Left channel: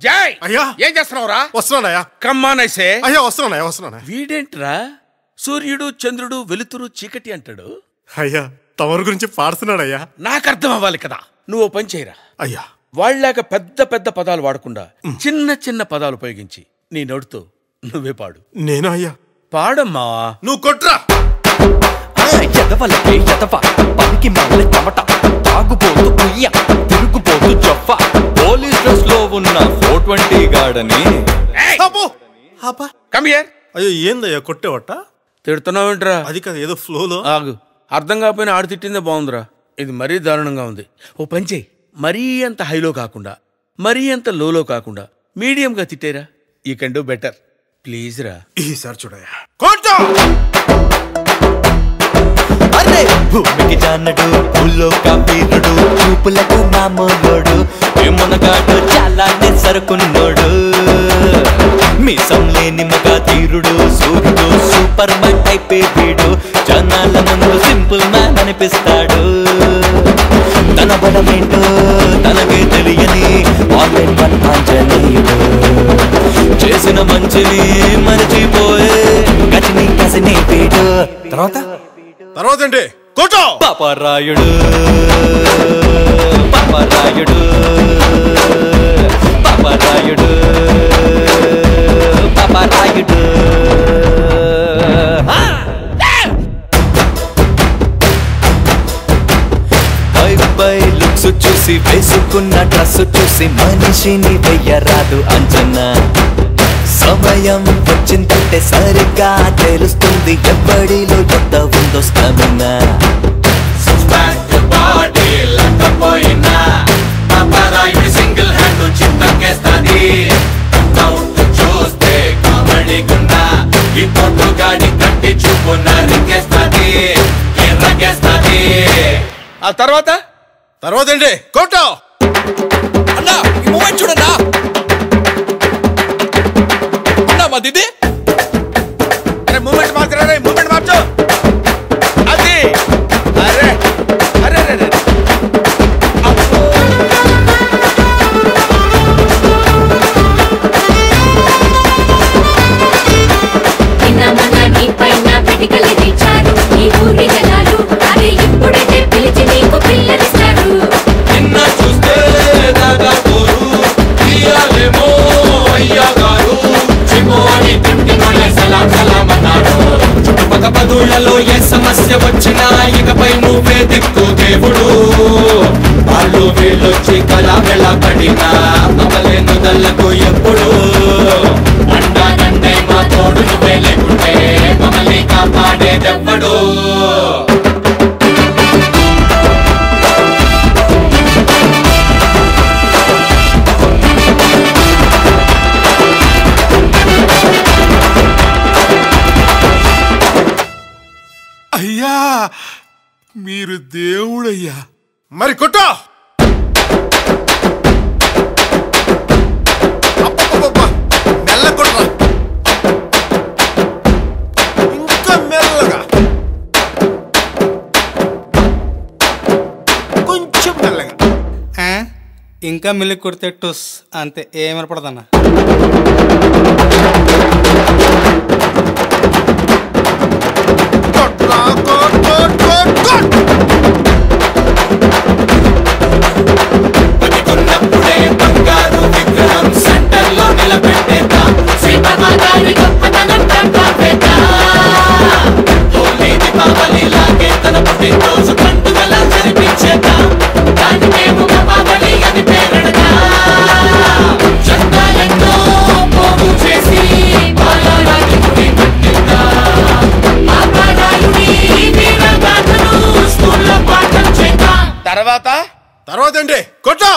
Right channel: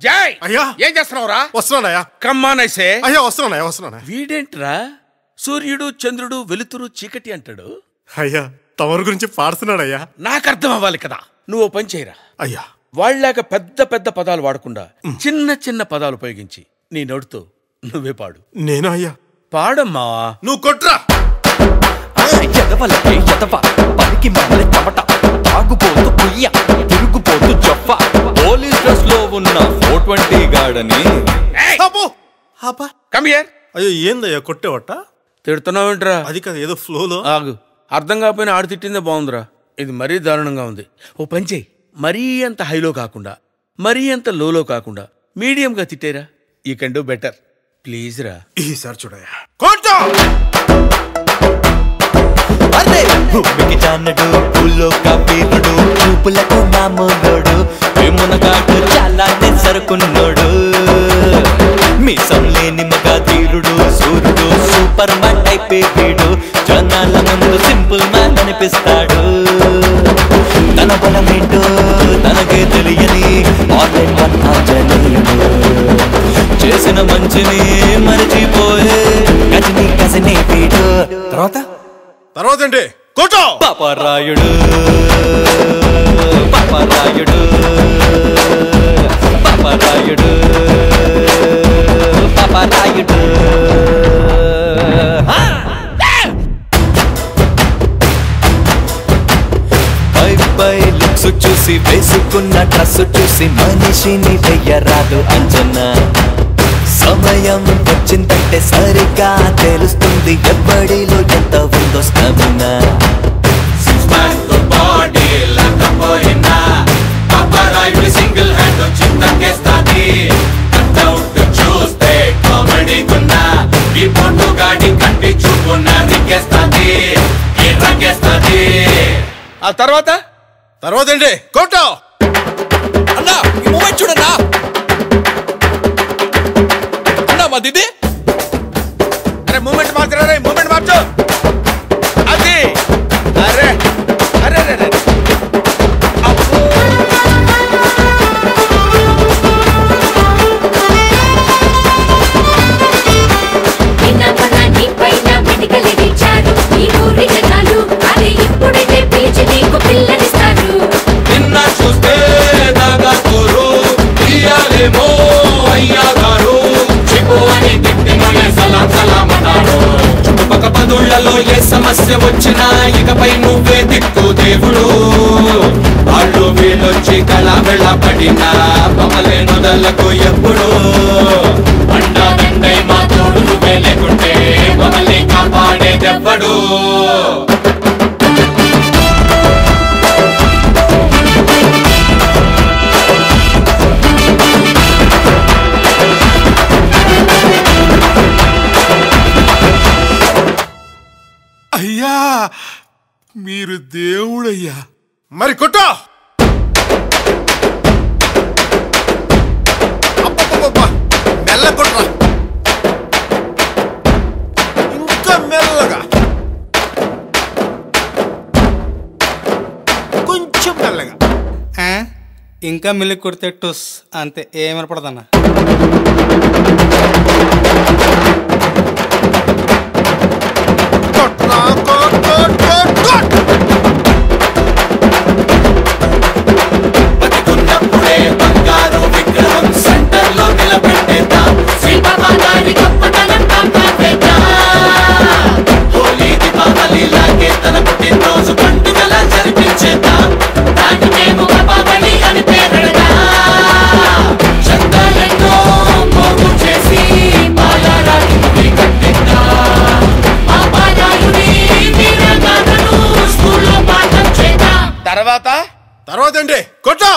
జై అయ్యా ఏం చేస్తున్నావురా? వస్తున్నానయ్యా. కమ్మానైసే అయ్యా వస్తున్నానయ్యా. వీడేంట్రా సూర్యుడు చంద్రుడు వెలుతురు చీకటి అంటాడు? అయ్యా తమరి గురించి పాడుతున్నాడయ్యా. నాకు అర్థం అవ్వాలి కదా. నువ్వు పని చేయరా అయ్యా. వాళ్ళలాగా పెద్ద పెద్ద పదాలు వాడకుండా చిన్న చిన్న పదాలు ఉపయోగించి నీ నోటితో నువ్వే పాడు. నేను అయ్యా పాడమ్మా. నువ్వు కొట్రా. ఎదవలకే ఎదవ పనికి మాల చెమట తాగుపోతూ కుయ్య తిరుగుపోతూ జఫ పోలీస్ డ్రెస్ లో ఉన్న 420 గాడని. Come here. అయ్యో ఏందయ్యా కొట్టేవట? తిడుతున్నావేంట్రా? అది కాదు ఏదో ఫ్లోలో. ఆగు, అర్థం కాకపోయినా ఆడు తిట్టిందే బాగుందిరా. ఇది మరీ దారుణంగా ఉంది. ఓ పని చేయి, మరీ అంత హైలో కాకుండా మరీ అంత లోలో కాకుండా మీడియంగా తిట్టేరా. You can do better please రా. ఈసారి చూడయ్యా. కొట్టు. అరే భూమికి జానడు పూల్లో కబీరుడు చూపులకు మామూలుడు మునగాడు చాలా సరుకున్నోడు మీసం లేని మగ తీరుడు సూర్యుడు సూపర్ మ్యాన్ టైప్ వీడు జనాల ముందు సింపుల్ మ్యాన్ అనిపిస్తాడు తన బలమేంటో తనకే తెలియని ఆన్లైన్ వన్ ఆంజనేయుడు చేసిన మంచిని మరిచిపోయే గజని గజనే వీడు. తర్వాత ఏంటి? కొట్టు. పాపరాయుడు పాపరాయుడు పాపరాయుడు పాపరాయుడు. పై లుక్స్ చూసి వేసుకున్న డ్రెస్ చూసి మనిషిని వెయ్యరాదు అంచనా. సమయం వచ్చిందంటే సరిగ్గా తెలుస్తుంది ఎవ్వడిలో ఎంత ఉందో స్టామినా. ఆ తర్వాత ఏంటి? కొట్టు. అన్నా ఈ మూమెంట్ చూడన్నా. అన్నా మా దిది. అరే మూమెంట్ మార్చరా, మూమెంట్ మార్చు. అది అరే అరే అరే ఏ సమస్య వచ్చినా ఇకపై నువ్వే దిక్కు దేవుడు. వాళ్ళు వీళ్ళొచ్చి కళ పడినా మమ్మల్ని నుదలకు ఎప్పుడు అండాదండై మా తోడు నువ్వే లేకుంటే మమ్మల్ని కాపాడేదెవ్వడు. అయ్యా మీరు దేవుడయ్యా. మరి కొట్టు. మెల్ల కొట్రా. ఇంకా మెల్లగా, కొంచెం మెల్లగా. ఇంకా మిల్లి కొడితే టుస్ అంతే, ఏమనపడదన్నా. బతికున్నప్పుడే బంగారు విగ్రహం సెంటర్ లో నిలబెట్టేద్దాం. శ్రీపరమాచారి గొప్పతనం కాపాడేద్దాం. హోలీ దీపావళి లాగే తన పుట్టినరోజు పండుగల జరిపించేద్దాం. దానికే దీపావళి అని పేరెడదాం. చట్టాలెన్నో పోగు చేసి బాలరాజుని కట్టిద్దాం. ఆపారాయుని వీరగాథను స్కూల్లో పాఠం చేద్దాం. తర్వాత ఏంటి? కొట్టు.